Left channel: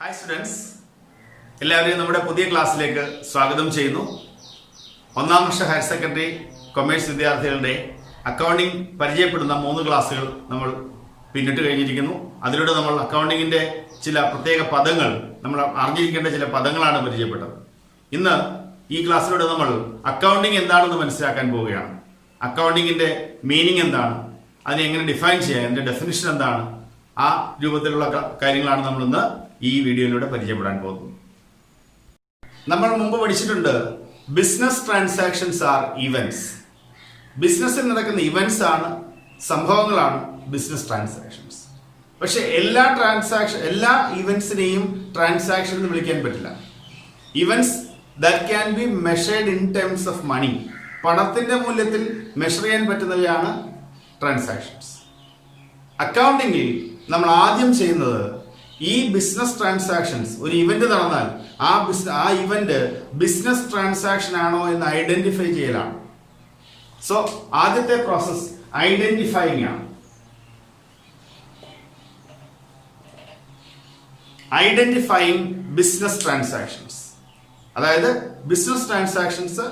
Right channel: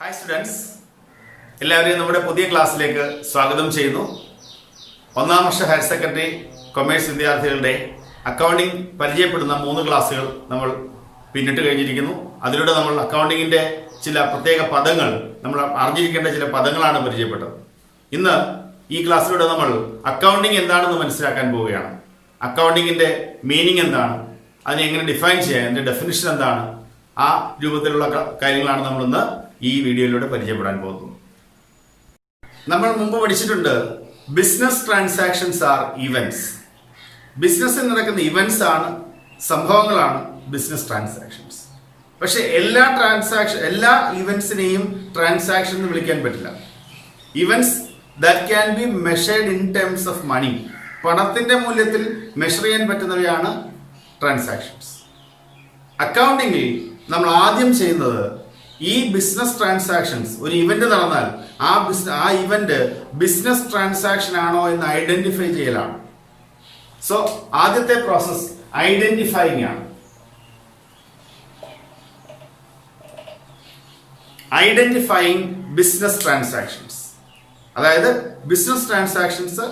Hi students, എല്ലാവരെയും നമ്മുടെ പുതിയ ക്ലാസ്സിലേക്ക് സ്വാഗതം ചെയ്യുന്നു. ഒന്നാം വർഷ ഹയർ സെക്കൻഡറി കൊമേഴ്സ് വിദ്യാർത്ഥികളുടെ അക്കൗണ്ടിംഗ് പരിചയപ്പെടുന്ന 3 ക്ലാസ്സുകൾ നമ്മൾ പിന്നിട്ട് കഴിഞ്ഞിരിക്കുന്നു. അതിലൂടെ നമ്മൾ അക്കൗണ്ടിങ്ങിൻ്റെ ചില പ്രത്യേക പദങ്ങൾ, നമ്മൾ അറിഞ്ഞിരിക്കേണ്ട ചില പദങ്ങളാണ് പരിചയപ്പെട്ടത്. ഇന്ന് ഈ ക്ലാസ്സിലൂടെ നമ്മൾ അക്കൗണ്ടിങ് എന്താണെന്ന് മനസ്സിലാക്കാൻ പോവുകയാണ്. അക്കൗണ്ടിങ്ങിൻ്റെ മീനിങ് എന്താണ്, അതിനെ എങ്ങനെ ഡിഫൈൻ ചെയ്യാം, അതിൻ്റെ ഡെഫിനിഷൻ എന്താണ്, ആ രൂപത്തിലുള്ള കാര്യങ്ങളാണ് നമ്മളിന്ന് ഈ വീഡിയോയിലൂടെ പരിചയപ്പെടാൻ പോകുന്നു. നമ്മൾ മുമ്പ് പഠിച്ചിട്ടുണ്ട്, ബിസിനസ് ട്രാൻസാക്ഷൻസ് ആർ ഇവന്റ്സ്. ബിസിനസ്സിൽ നടക്കുന്ന ഇവന്റ്സ് ആണ്, സംഭവങ്ങളാണ് ബിസിനസ് ട്രാൻസാക്ഷൻസ്. പക്ഷെ എല്ലാ ഇവന്റ്സിനെയും ട്രാൻസാക്ഷൻ എന്ന് വിളിക്കാൻ പറ്റില്ല. Events that can be measured in terms of money, പണത്തിന്റെ മൂല്യത്തിൽ മെഷർ ചെയ്യാൻ പറ്റുന്നവയാണ് ട്രാൻസാക്ഷൻസ്. അക്കൗണ്ടിങ്ങിൽ നമ്മൾ ആദ്യം ചെയ്യുന്നത്, ഈ ബിസിനസ് ട്രാൻസാക്ഷൻസ്, ഒരു ഇവന്റ് നടന്നാൽ ആ ഇവന്റ് ബിസിനസ് ട്രാൻസാക്ഷൻ ആണോ എന്ന് ഐഡന്റിഫൈ ചെയ്യലാണ്. സോ ആദ്യത്തെ പ്രോസസ് ഐഡന്റിഫൈയിങ് ആണ്. ഐഡന്റിഫൈയിങ് ബിസിനസ് ട്രാൻസാക്ഷൻസ്, അതായത് ബിസിനസ് ട്രാൻസാക്ഷൻസ്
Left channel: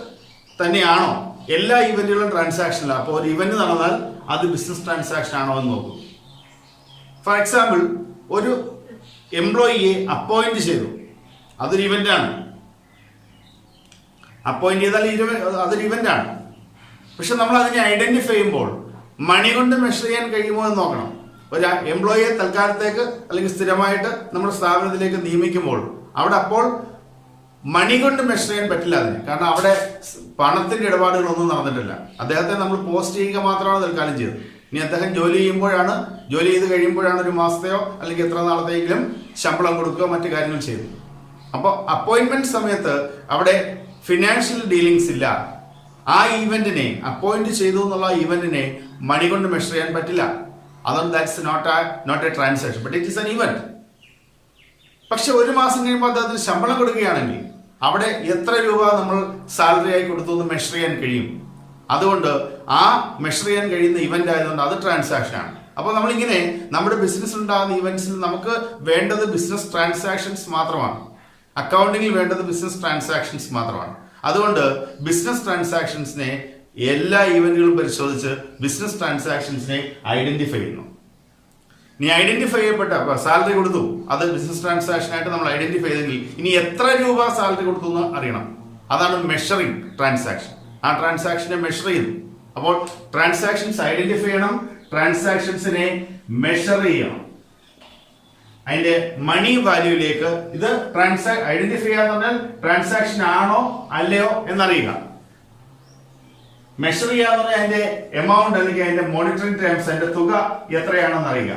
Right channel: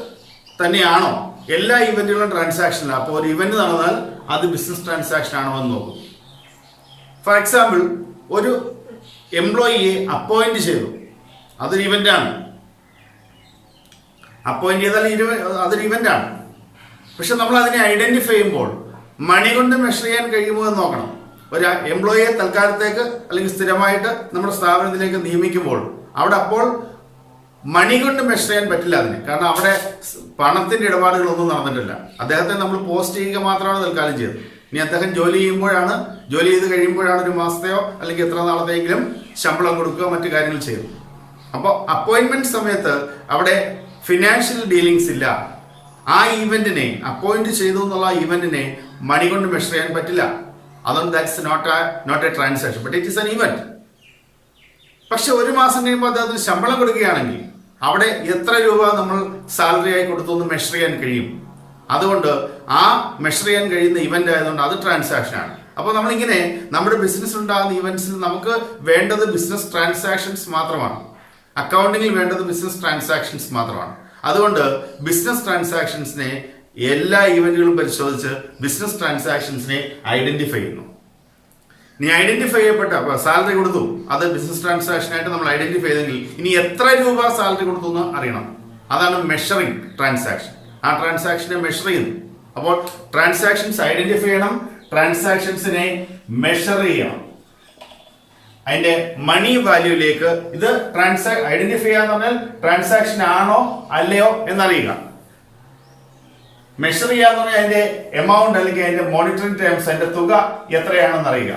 തന്നെയാണോ, എല്ലാ ഇവന്റുകളും ട്രാൻസാക്ഷനിലാണ്. അപ്പോൾ ഒരു ഇവന്റ് നടന്നാൽ അത് ബിസിനസ് ട്രാൻസാക്ഷൻ ആണോ എന്ന് നോക്കും. ഫോർ എക്സാമ്പിൾ, ഒരു എംപ്ലോയിയെ അപ്പോയിന്റ് ചെയ്തു, അതൊരു ഇവന്റാണ്. അപ്പോയിന്റ് ചെയ്താൽ അതൊരു ഇവന്റാണ്. പക്ഷെ നമ്മൾ അതിനെ ഐഡന്റിഫൈ ചെയ്യുമ്പോൾ മണി കൊണ്ട് മെഷർ ചെയ്യാൻ കഴിയുമോ എന്ന് നോക്കണം. ഒരു എംപ്ലോയിയെ തൽക്കാലത്തേക്ക് അല്ലെങ്കിൽ സ്ഥിരമായിട്ട് നമ്മുടെ സ്ഥാപനത്തിലേക്ക് നിയമിക്കുമ്പോൾ അവിടെ അപ്പോൾ മണി കൊണ്ട് മെഷർ ചെയ്യാൻ പറ്റില്ല അതിന്. കാരണം അവിടെ പണത്തിന്റെ ഇടപാടുകളൊന്നും നടന്നിട്ടില്ല. അദ്ദേഹത്തെ നമ്മൾ പോസ്റ്റ് ചെയ്യുക മാത്രമാണ് തൽക്കാലം ചെയ്തത്. ഇനി അദ്ദേഹം ജോലി ചെയ്ത് കഴിയുമ്പോഴാണ് ഒരു മാസത്തെയോ അല്ലെങ്കിൽ എത്ര നാളത്തെയെങ്കിലും ശമ്പളം കൊടുക്കുകയോ മറ്റു കാര്യങ്ങൾ ചെയ്തു. അപ്പോൾ അപ്പോയിന്റ്മെന്റ് സമയത്ത് അവിടെ ഫിനാൻഷ്യൽ ഡീലിങ്സ് ഇല്ല. ആ ഈവന്റിനെ, അപ്പോയിന്റ് ചെയ്തു എന്നുള്ള ഈവന്റിനെ മണി കൊണ്ട് മെഷർ ചെയ്യാൻ പറ്റില്ല. അതുകൊണ്ട് that's not a transaction, but it is an event. പക്ഷെ ഒരു മാസം കഴിയുമ്പോൾ അദ്ദേഹത്തിന് ശമ്പളം കൊടുക്കുകയാണെങ്കിൽ അവിടെ എത്ര രൂപ നമ്മൾ സാലറി ആയി കൊടുത്തു എന്ന് മെഷർ ചെയ്യാൻ കഴിയും. അതുകൊണ്ട് ആ മെഷർ ചെയ്യാൻ കഴിയുന്ന ഇവന്റ് ആയതുകൊണ്ട് അത് ട്രാൻസാക്ഷൻ ആണ്. അപ്പോൾ നമ്മളിങ്ങനെ നമ്മുടെ ബിസിനസ് ഉണ്ടാകുന്ന ഇവന്റ്സിൽ നമുക്ക് വേണ്ടത് ബിസിനസ് ട്രാൻസാക്ഷൻസ് മാത്രമാണ്. അക്കൗണ്ടിങ്ങിൽ വേണ്ടത് ബിസിനസ് ട്രാൻസാക്ഷൻസ് മാത്രമാണ്. അതുകൊണ്ട് ബിസിനസ് ട്രാൻസാക്ഷൻസിനെ എല്ലാ ഇവന്റുകളും പരിശോധിച്ച് ബിസിനസ് ട്രാൻസാക്ഷൻസിനെ ഐഡന്റിഫൈ ചെയ്യുന്നു. നീ ഐഡന്റിഫൈ ചെയ്യപ്പെട്ട സാലറി കൊടുത്തു, അത് ബിസിനസ് ട്രാൻസാക്ഷൻ ആയിട്ട് നമ്മൾ ഐഡന്റിഫൈ ചെയ്തെങ്കിൽ ഇനി എത്ര രൂപ സാലറി കൊടുത്തു എന്ന് അറിയണം. അതാണ് മെഷറിംഗ് ട്രാൻസാക്ഷൻ. ആ ട്രാൻസാക്ഷനെ മെഷർ ചെയ്യുന്നു. അപ്പോൾ ട്രാൻസാക്ഷൻസ് ഐഡന്റിഫൈ ചെയ്യണം, ട്രാൻസാക്ഷൻസിനെ മെഷർ ചെയ്യണം. അതിന്റെ മണി വാല്യൂയിലേക്ക് ഇത് ഐഡന്റിഫൈ ചെയ്യാന്ന് പറഞ്ഞാൽ ട്രാൻസാക്ഷൻ ആണോ അല്ലയോ എന്നറിയുക. മെഷർ ചെയ്യാന്ന് പറഞ്ഞാൽ അതിന്റെ എമൗണ്ട് അല്ലെങ്കിൽ അതിന്റെ മോണിറ്ററിംഗ് ടേംസ്, അതിന്റെ തുക എത്രയാണെന്ന് അറിയുക.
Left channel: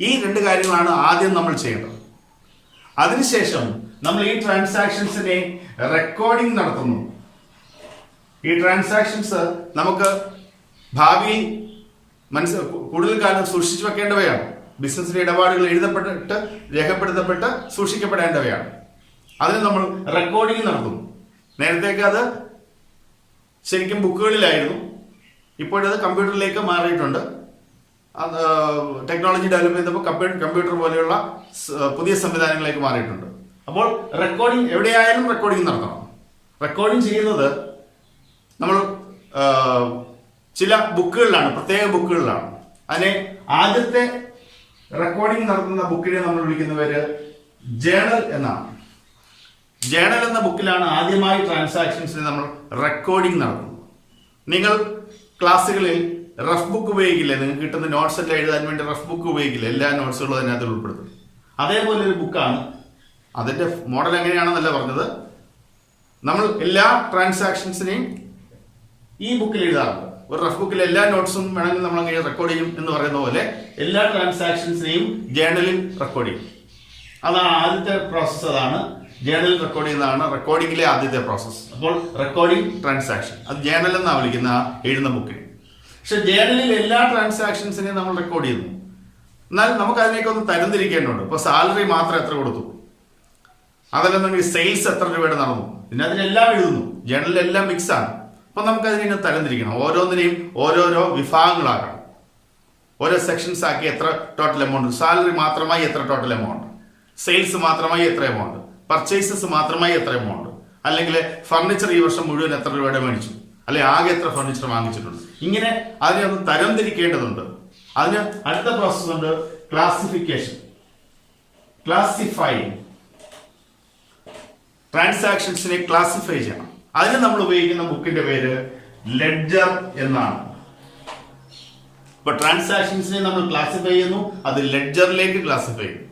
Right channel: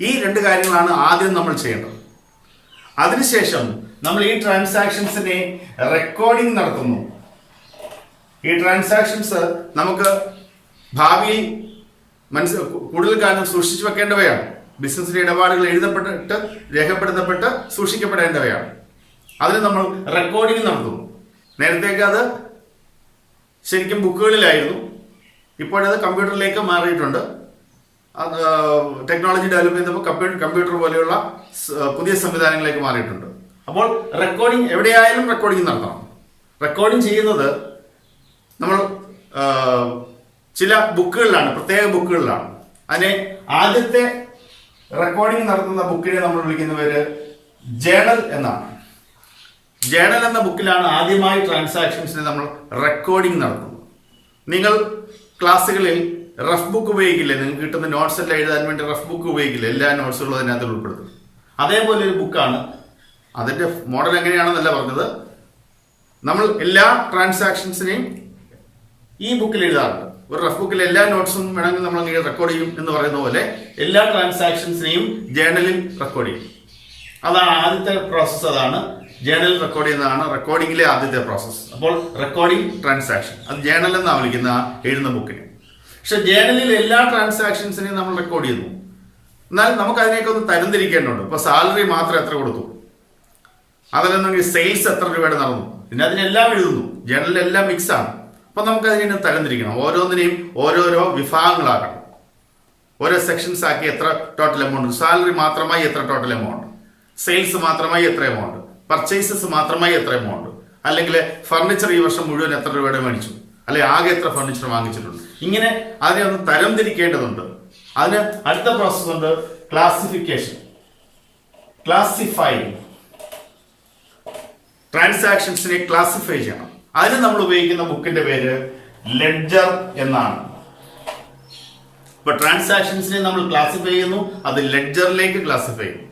ഈ 2 കാര്യങ്ങളാണ് ആദ്യം നമ്മൾ ചെയ്യേണ്ടത്. അതിനുശേഷം നമ്മൾ ഈ ട്രാൻസാക്ഷൻസിനെ റെക്കോർഡിംഗ് നടത്തുന്നു. ഈ ട്രാൻസാക്ഷൻസ് നമുക്ക് ഭാവിയിൽ കൂടുതൽ കാലം സൂക്ഷിച്ചു വെക്കേണ്ടവയാണ്. ബിസിനസിലെ ഇടപാടുകൾ എഴുതപ്പെട്ടിട്ട് രേഖപ്പെടുത്തപ്പെട്ട് സൂക്ഷിക്കപ്പെടേണ്ടവയാണ്. അതിന് നമ്മൾ റെക്കോർഡിംഗ് നടത്തുന്നു. നേരത്തേക്ക് അത് ശരിക്കും ബുക്കുകളിലായിരുന്നു, ഇപ്പോഴത് കമ്പ്യൂട്ടറിലേക്ക് മാറിയിട്ടുണ്ട്. ടെക്നോളജി ഡെവലപ്പ് ചെയ്തപ്പോൾ കമ്പ്യൂട്ടർ പോലെയുള്ള പുതിയ സംവിധാനങ്ങളിലേക്ക് മാറിയിട്ടുണ്ട്. അപ്പോൾ റെക്കോർഡിംഗ് എവിടെയായാലും റെക്കോർഡിംഗ് നടത്തണം. റെക്കോർഡിംഗ് ചെയ്യുന്നത് നമ്മൾ ചില ബുക്കുകളിലാണ്, പ്രത്യേക ബുക്കുകളിലാണ്. അതിനെ ആദ്യത്തെ റെക്കോർഡിംഗ് നടത്തുന്ന ബുക്കിനെ നമ്മൾ വിളിക്കുന്ന പേര് ജേണൽ എന്നാണ്. ജേണൽ എന്ന ബുക്കിലാണ് ആദ്യമായി ട്രാൻസാക്ഷൻസിനെ നമ്മൾ റെക്കോർഡിംഗ് നടത്തുന്നത്. നിങ്ങൾ ക്ലാസ്സുകളിൽ റഫ് ബുക്ക് ഉപയോഗിക്കില്ലേ? നിങ്ങൾക്ക് കിട്ടുന്ന നോട്ട്സ് എല്ലാം എഴുതാൻ വേണ്ടി റഫ് ബുക്ക് ഉപയോഗിക്കില്ലേ? എല്ലാ നോട്ട്സുകളും അതിനകത്ത് ഉൾപ്പെടുത്തും. അതേപോലെ ഒരു ബുക്കാണ്. അതിന്റെ മോഡൽ എങ്ങനെയാണെന്നല്ല പറഞ്ഞത്. നമ്മൾ എല്ലാ ട്രാൻസാക്ഷൻസിനെയും ഈ ബുക്കിൽ എഴുതാറുണ്ട്. ഒരു റഫ് ബുക്കിൽ എല്ലാ നോട്ട്സും വേണമെങ്കിൽ നമ്മൾ അങ്ങനെ റെക്കോർഡ് ചെയ്യും എന്ന് പറയുന്ന പോലെ എല്ലാ ട്രാൻസാക്ഷൻസിനെയും ജേണലിൽ റെക്കോർഡ് ചെയ്യും. അതാണ് ആദ്യത്തെ പ്രോസസ്സ്. അതാണ് ജേണലിൽ റെക്കോർഡ് ചെയ്യുന്നതാണ് റെക്കോർഡിംഗിലെ ആദ്യത്തെ പ്രോസസ്സ്. അപ്പോൾ റെക്കോർഡിംഗ് ട്രാൻസാക്ഷൻ, അത് ജേണൽ എന്നാണ് വിളിക്കുന്ന എഴുതുന്ന ബുക്കിനെ. പക്ഷെ ജേണലിൽ എല്ലാ ട്രാൻസാക്ഷൻസിനെയും നമ്മൾ റെക്കോർഡ് ചെയ്യുന്നു. എന്നാൽ നമുക്ക് അതിനെയൊക്കെ ഒന്ന് തരംതിരിക്കേണ്ടതുണ്ട്. ഇപ്പൊ സാലറി മാത്രം എത്ര കൊടുത്തു, അതിലെന്തെങ്കിലും സെയിൽസ് എത്ര രൂപയുടെ നടന്നു, പിന്നെ അതിനെല്ലാം എഴുതുന്നു. ജേണലിലെല്ലാം മിക്സ് ആണ്. അപ്പൊ നമുക്ക് അതിനെ തരംതിരിക്കണം. ഓരോന്നിനെയും ഓരോരോ വിഭാഗങ്ങളാക്കണം. ഓരോ സെക്ഷൻസ് ആക്കി എത്ര ടോട്ടൽ എമൗണ്ട്, സാലറി മാത്രമായി എത്ര ടോട്ടൽ എമൗണ്ട്, സെയിൽസ് മാത്രമായി എത്ര എമൗണ്ട്, പർച്ചേസസ് മാത്രമായി എത്ര എമൗണ്ട്, അല്ലെങ്കിൽ ഫർണിച്ചർ ഈ വർഷം മുഴുവൻ എത്ര രൂപയുടെ മേടിച്ചു, അല്ലെ ആകെ എത്ര ഫർണിച്ചർ വാങ്ങിച്ചിട്ടുണ്ട്. ഇങ്ങനെ അതിനെ ഒന്ന് തരംതിരിക്കേണ്ടതുണ്ട്. അതിന് അടുത്ത പ്രോസസ് ഉണ്ട് ക്ലാസിഫിക്കേഷൻ, ക്ലാസിഫൈങ്. ട്രാൻസാക്ഷൻസിനെ ക്ലാസിഫൈ ചെയ്യണം. അതിന് നമ്മൾ ഉപയോഗിക്കുന്ന ബുക്കിന്റെ പേര് ലെഡ്ജർ എന്നാണ്. ഇപ്പൊ ട്രാൻസാക്ഷൻസിനെ നമ്മൾ ക്ലാസിഫൈ ചെയ്യുന്നു, അത് ലെഡ്ജറിലേക്ക് ക്ലാസിഫൈ ചെയ്യും.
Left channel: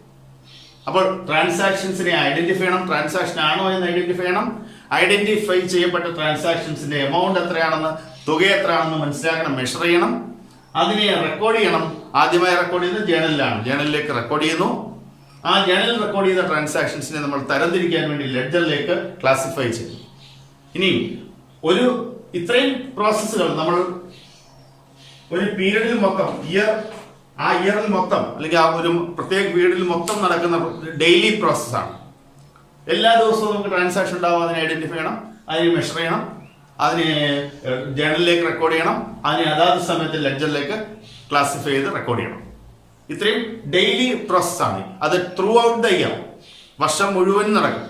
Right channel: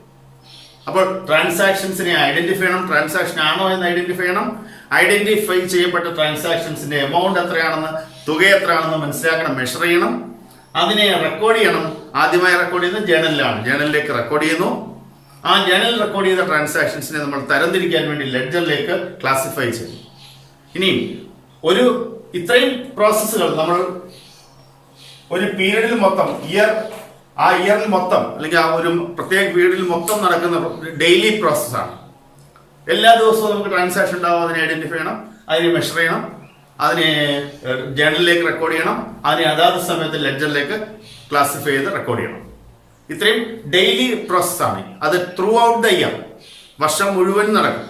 അപ്പോൾ ട്രാൻസാക്ഷൻസിനെ ഐഡന്റിഫൈ ചെയ്യണം, ട്രാൻസാക്ഷൻ ആണോ എന്ന് ഐഡന്റിഫൈ ചെയ്യണം. ഐഡന്റിഫൈ ചെയ്യപ്പെട്ട ട്രാൻസാക്ഷൻസിന്റെ എമൗണ്ട് എത്രയാണെന്ന്, തുക എത്രയാണെന്ന് മനസ്സിലാക്കണം, മെഷർ ചെയ്യണം. അതിനെ റെക്കോർഡ് ചെയ്യണം. ആദ്യമായി റെക്കോർഡ് ചെയ്യുന്നത് ജേണലിലാണ്. ജേണലിലേക്ക് റെക്കോർഡ് ചെയ്യുന്നു. ആ ജേണൽ റെക്കോർഡ് ചെയ്ത ട്രാൻസാക്ഷൻസിനെ നമ്മൾ തരംതിരിക്കാൻ വേണ്ടി ലെഡ്ജറിലേക്ക് ക്ലാസിഫൈ ചെയ്യും. ഇനി ഇത്രയും പ്രോസസ്സുകൾ നമ്മൾ ഒരു പീരീഡിൽ മൊത്തം, ആ ഇയറിൽ മൊത്തം, അല്ലെങ്കിൽ ആ ഒരു പ്രത്യേക പീരീഡിൽ മൊത്തം നടക്കുന്ന ഡെയിലി പ്രോസസ്സാണ്. എല്ലാ ദിവസവും നമുക്ക് ട്രാൻസാക്ഷൻ ഉണ്ടാവും. അതിനെ ഐഡന്റിഫൈ ചെയ്യണം, അതിനെ മെഷർ ചെയ്യണം, അതിനെ ജേണലിലേക്ക് റെക്കോർഡ് ചെയ്യണം, അതിനെ അതാത് സമയത്ത് ലെഡ്ജറിലേക്ക് ക്ലാസിഫൈ ചെയ്ത് റെക്കോർഡ് ചെയ്യണം. ഇത്രയും ഡെയിലി പ്രോസസ്സാണ്. അത് ത്രൂ ഔട്ട് ദ ഇയർ, വർഷം മുഴുവൻ നടക്കും.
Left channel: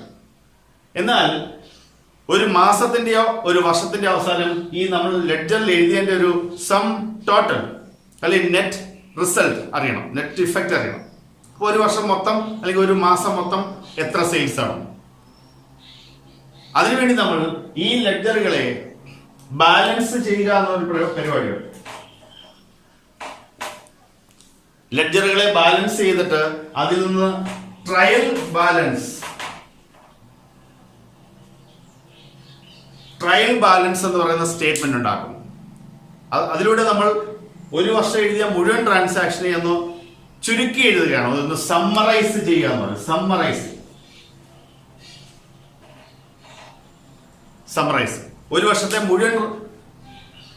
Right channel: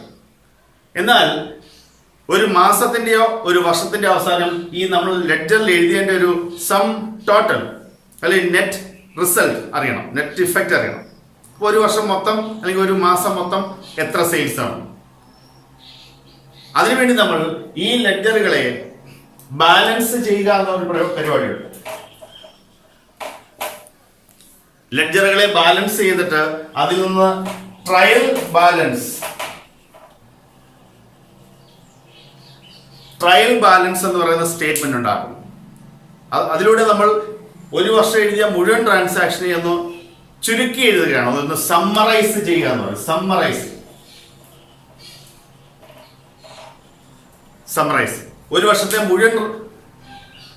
എന്നാൽ ഒരു മാസത്തിന്റെയോ ഒരു വർഷത്തിന്റെ അവസാനം ഈ നമ്മൾ ലെഡ്ജറിൽ എഴുതിയതിന്റെ ഒരു സം ടോട്ടൽ അല്ലെങ്കിൽ നെറ്റ് റിസൾട്ട് അറിയണം, നെറ്റ് ഇഫക്റ്റ് അറിയണം. അപ്പോൾ ഒരു വർഷം മൊത്തം അല്ലെങ്കിൽ ഒരു മാസം മൊത്തം എത്ര സെയിൽസ് ആണ്. അതിനുവേണ്ടി നമ്മൾ ഈ ലെഡ്ജറുകളെ ബാലൻസ് ചെയ്യുക എന്നൊരു പരിപാടിയുണ്ട്. ലെഡ്ജറുകളെ ബാലൻസ് ചെയ്തിട്ട് അതിൽ നിന്ന് ട്രയൽ ബാലൻസ് എന്ന് പറയുന്ന സ്റ്റേറ്റ്മെന്റ് ഉണ്ടാക്കും. അതിലൂടെ നമ്മൾ ഒരു വർഷം എഴുതിയ മുഴുവൻ ട്രാൻസാക്ഷനെ ഒന്ന് ചുരുക്കി എഴുതുകയാണ്, അതൊന്ന് സമ്മറൈസ് ചെയ്യുക എന്ന് പറയുന്നത്. സമ്മറൈസ് ഒരു വർഷത്തെ മുഴുവൻ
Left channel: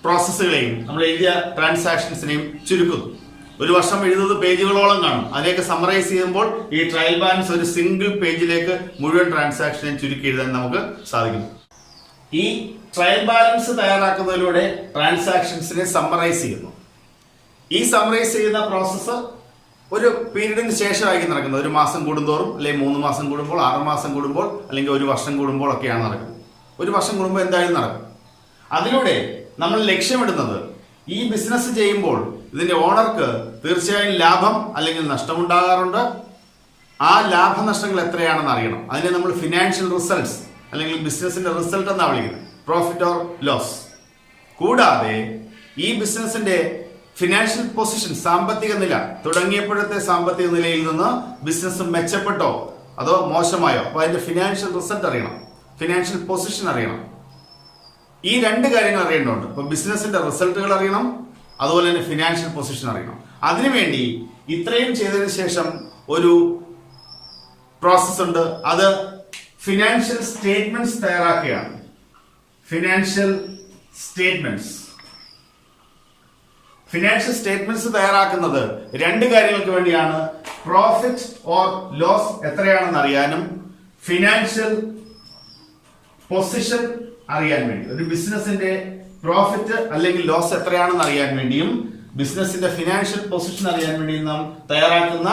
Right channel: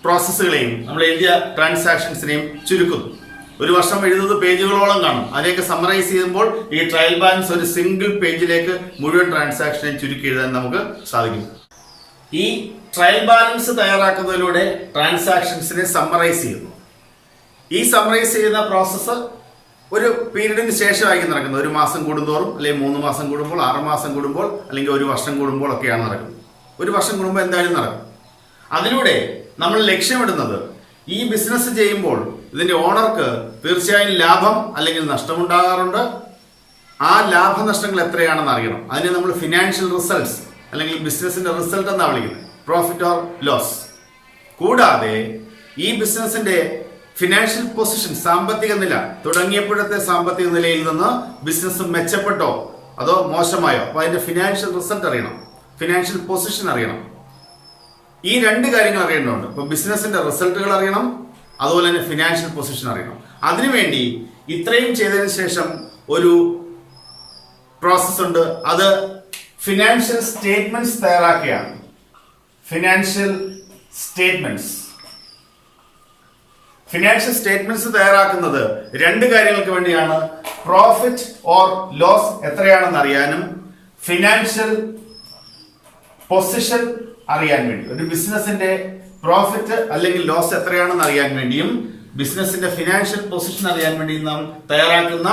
പ്രോസസ്സുകളെയും നമ്മൾ എഴുതിയ ട്രാൻസാക്ഷൻസിനെയും ചുരുക്കുന്നു. ഒരു വർഷം എഴുതുന്നത് പേജുകളോളം കാണും. അതിലേക്ക് സമ്മറൈസ് ചെയ്യുമ്പോൾ ഈ ട്രയൽ ബാലൻസ് ഒരു സിംഗിൾ പേജിലേക്ക് മുഴുവൻ ട്രാൻസാക്ഷനെ ചുരുക്കി എഴുതാൻ നമുക്ക് സാധിക്കും. ഈ ട്രയൽ ബാലൻസ് തയ്യാറാക്കുന്നതിലൂടെ ട്രാൻസാക്ഷൻസിനെ സമ്മറൈസ് ചെയ്യുന്നു. ഈ സമ്മറൈസ് ചെയ്യുന്ന പ്രോസസ്സ് ഒരു പീരീഡിന് ശേഷമായിരിക്കും നടക്കുന്നത്. ഒരു മാസം കൂടുന്തോറും, അല്ലെങ്കിൽ 3 മാസം കൂടുമ്പോൾ, 6 മാസം കൂടുമ്പോൾ, അല്ലെങ്കിൽ ഒരു വർഷം കൂടുമ്പോൾ ഒക്കെയാണ് നടക്കുന്നത്. ഒരു വർഷം കൂടുമ്പോൾ എന്തായാലും നടക്കും. അതിലൂടെ നമ്മൾ ലക്ഷ്യമിടുന്നത് ഈ ബിസിനസ് ചെയ്യുമ്പോൾ ഇതിന്റെ ഓണർക്ക് തീർച്ചയായും ലാഭം അല്ലെങ്കിൽ നഷ്ടമുണ്ടാകാറുണ്ട്. ആ ലാഭനഷ്ടങ്ങൾ എത്രയാണെന്ന് അറിയണം. അതിനെ നമ്മൾ ഫിനാൻഷ്യൽ റിസൾട്ട്സ് അല്ലെങ്കിൽ ബിസിനസിന്റെ റിസൾട്ട് എന്നാണ് വിളിക്കുന്നത്, പ്രോഫിറ്റ് ഓർ ലോസ്. കൂടാതെ ഈ ബിസിനസിന്റെ ഫിനാൻഷ്യൽ പൊസിഷൻ, സാമ്പത്തിക നില, തുടങ്ങിയപ്പോഴത്തെ സാമ്പത്തിക നിലയിൽ നിന്ന് ബിസിനസ് മെച്ചപ്പെട്ടോ അതോ മോശമായോ, അപ്പൊ അതിന്റെ ഫിനാൻഷ്യൽ റിസൾട്ട് അറിയണം, ഫിനാൻഷ്യൽ പൊസിഷൻ അറിയണം. ഈ 2 കാര്യങ്ങൾ അറിയേണ്ടതുണ്ട്. ഇപ്പൊ ബിസിനസിന്റെ റിസൾട്ടുകൾ അറിയണം, അതുപോലെ തന്നെ ഫിനാൻഷ്യൽ പൊസിഷൻ അറിയണം. അതിനുവേണ്ടി ഇത്രയും ചെയ്തതിനു ശേഷം ഒരു പ്രോസസ് ഉണ്ട്. അത് ഫിനാൻഷ്യൽ സ്റ്റേറ്റ്മെന്റ്സ് തയ്യാറാക്കുകയാണ്. ഫിനാൻഷ്യൽ സ്റ്റേറ്റ്മെന്റ്സ് തയ്യാറാക്കുന്നത് 2 കാര്യങ്ങൾക്ക് വേണ്ടിയാണ്. പ്രോഫിറ്റ് ഓർ ലോസ് എത്രയാണെന്ന് അറിയാനും ഫിനാൻഷ്യൽ പൊസിഷൻ അറിയാൻ വേണ്ടി. ഒരു ബിസിനസിന്റെ പ്രോഫിറ്റ് അല്ലെങ്കിൽ ലോസ് എത്രയാണെന്ന് അറിയാൻ വേണ്ടിയും ബിസിനസിന്റെ ഫിനാൻഷ്യൽ പൊസിഷൻ അറിയാൻ വേണ്ടിയും നാം തയ്യാറാക്കുന്ന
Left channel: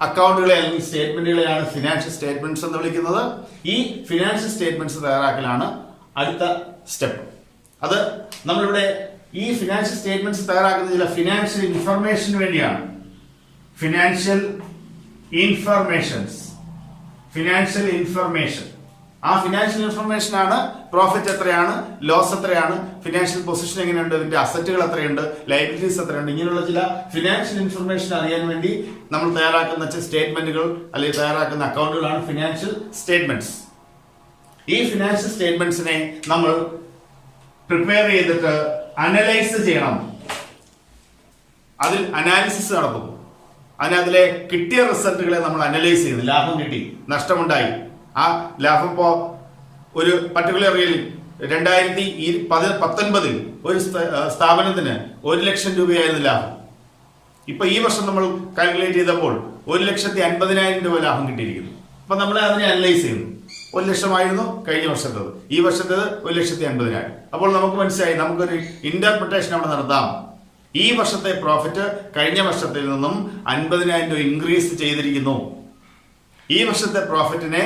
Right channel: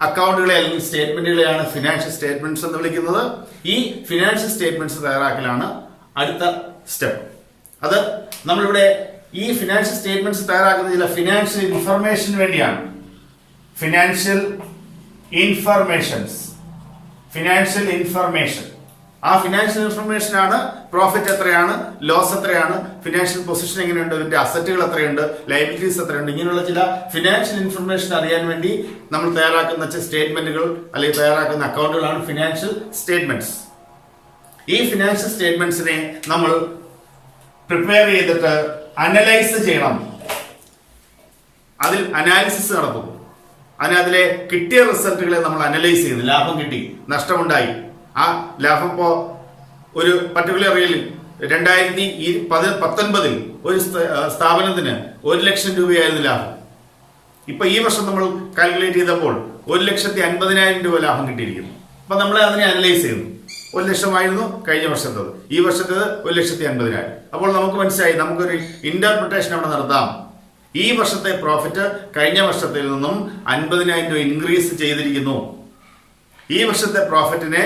അക്കൗണ്ടുകളെ അല്ലെങ്കിൽ സ്റ്റേറ്റ്മെന്റുകളെയാണ് ഫിനാൻഷ്യൽ സ്റ്റേറ്റ്മെന്റ്സ് എന്ന് വിളിക്കുന്നത്. ഈ ഫിനാൻഷ്യൽ സ്റ്റേറ്റ്മെന്റ്സ് തയ്യാറാക്കലാണ് അടുത്ത സ്റ്റെപ്പ്. അത് നമ്മളിവിടെ ഈ ഫിനാൻഷ്യൽ സ്റ്റേറ്റ്മെന്റ്സ് തയ്യാറാക്കുന്ന ചില ഫിനാൻഷ്യൽ ഇൻഫർമേഷന് വേണ്ടിയാണ്. ഫിനാൻഷ്യൽ ഇൻഫർമേഷൻ ആ ഫിനാൻഷ്യൽ ഇൻഫർമേഷൻ ആണ് പ്രോഫിറ്റ് എത്രയാണ്, ലോസ് എത്രയാണ്, ഫിനാൻഷ്യൽ പൊസിഷൻ എങ്ങനെയുണ്ട്, ഇതിന്റെ അസറ്റുകൾ എത്രയുണ്ട്, ലയബിലിറ്റീസ് എത്രയുണ്ട്, ഇങ്ങനെയുള്ള ചില ഫിനാൻഷ്യൽ ഇൻഫർമേഷൻ അറിയാൻ വേണ്ടി നമ്മൾ തയ്യാറാക്കുന്ന സ്റ്റേറ്റ്മെന്റുകൾ അല്ലെങ്കിൽ തയ്യാറാക്കുന്ന അക്കൗണ്ടുകളാണ് ഫിനാൻഷ്യൽ സ്റ്റേറ്റ്മെന്റ്സ്. ഈ ഫിനാൻഷ്യൽ സ്റ്റേറ്റ്മെന്റ്സിനെ നമ്മൾ പ്രിപ്പയർ ചെയ്തിട്ട് അനലൈസ് ചെയ്യണം. അതിൽ അനാലിസിസ് നടത്തും. അതിലെ കിട്ടിയ റിസൾട്ടുകളെ നമ്മൾ അനലൈസ് ചെയ്യുന്നു. ലാഭം കിട്ടി, നഷ്ടമുണ്ടായി. ആ ലാഭം ഇപ്പോ ഒരു പർട്ടിക്കുലർ ഇയറിൽ 2019 ഒരു സ്ഥാപനത്തിന് 1 ലക്ഷം രൂപയായിരുന്നു ലാഭം. ഇപ്പൊ ഈ വർഷം നമ്മൾ കാൽക്കുലേറ്റ് ചെയ്തപ്പോൾ 1,50,000 രൂപ ലാഭം കിട്ടിയിരിക്കുന്നു. അപ്പൊ നമ്മൾ അതിനെ അനലൈസ് ചെയ്യുന്നു. 1 ലക്ഷമായിരുന്നു കഴിഞ്ഞ വർഷത്തേത്, ഈ വർഷത്തേത് 1,50,000. അപ്പോൾ നമുക്ക് മനസ്സിലായി, നമുക്കൊരു ഇന്റർപ്രിട്ടേഷൻ അവിടെ നടത്താം. ഈ വർഷത്തെ പ്രോഫിറ്റ് കഴിഞ്ഞ വർഷത്തിൽ നിന്നും 50,000 രൂപ ഇൻക്രീസ് ചെയ്തിരിക്കുന്നു. ഈ വർഷത്തെ പ്രോഫിറ്റിനെ